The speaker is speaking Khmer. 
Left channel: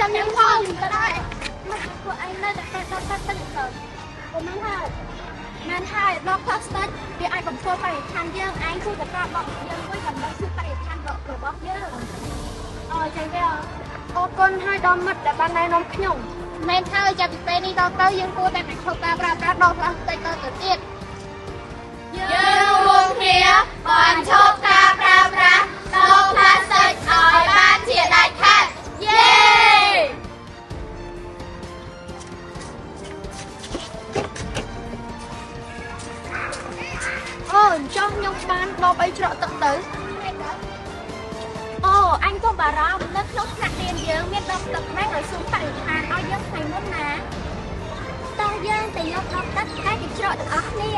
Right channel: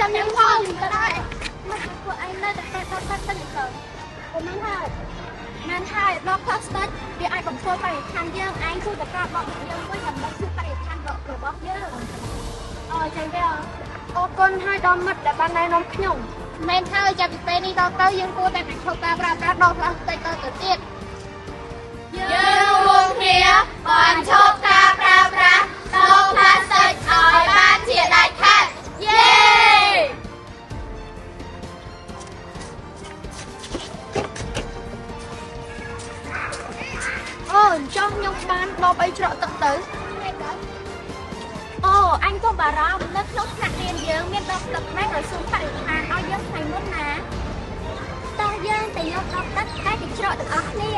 ចាំខ្ញុំផងទៅដែរមកពួកឯងនៅតែទៅទៅទៅខ្ញុំមិនហើយដល់ខ្លះស្ដាច់វាអាចបំពុលបរិស្ថានយើងឯងគួរតែប្រាប់ដល់យើងមួយដើម្បីជួយបរិស្ថានរបស់យើងចឹងទេអរគុណហើយដល់មិត្តដែលបានណែនាំខ្ញុំមែនហើយចាប់ពីពេលនេះដល់ទៅយើងគួរតែបញ្ឈប់ការប្រើប្រាស់ដល់ផ្លាស្ទិកទៅទៀតយើងរួមគ្នាបញ្ឈប់ការប្រើប្រាស់ដបផ្លាស្ទិកឲ្យបានជាដាច់ខាតយេអូចង់ខ្ញុំបានដបអីច្រកទឹកទៅអូអញក៏បារម្ភនៅក្នុងថ្នាក់រៀនយើងមានដបទឹកណែឲ្យស៊ូមបរិស្ថានឲ្យយើងថ្ងៃមុនណាតោះយើងទៅយកដបទឹកតែច្រកទាំងអស់គ្នា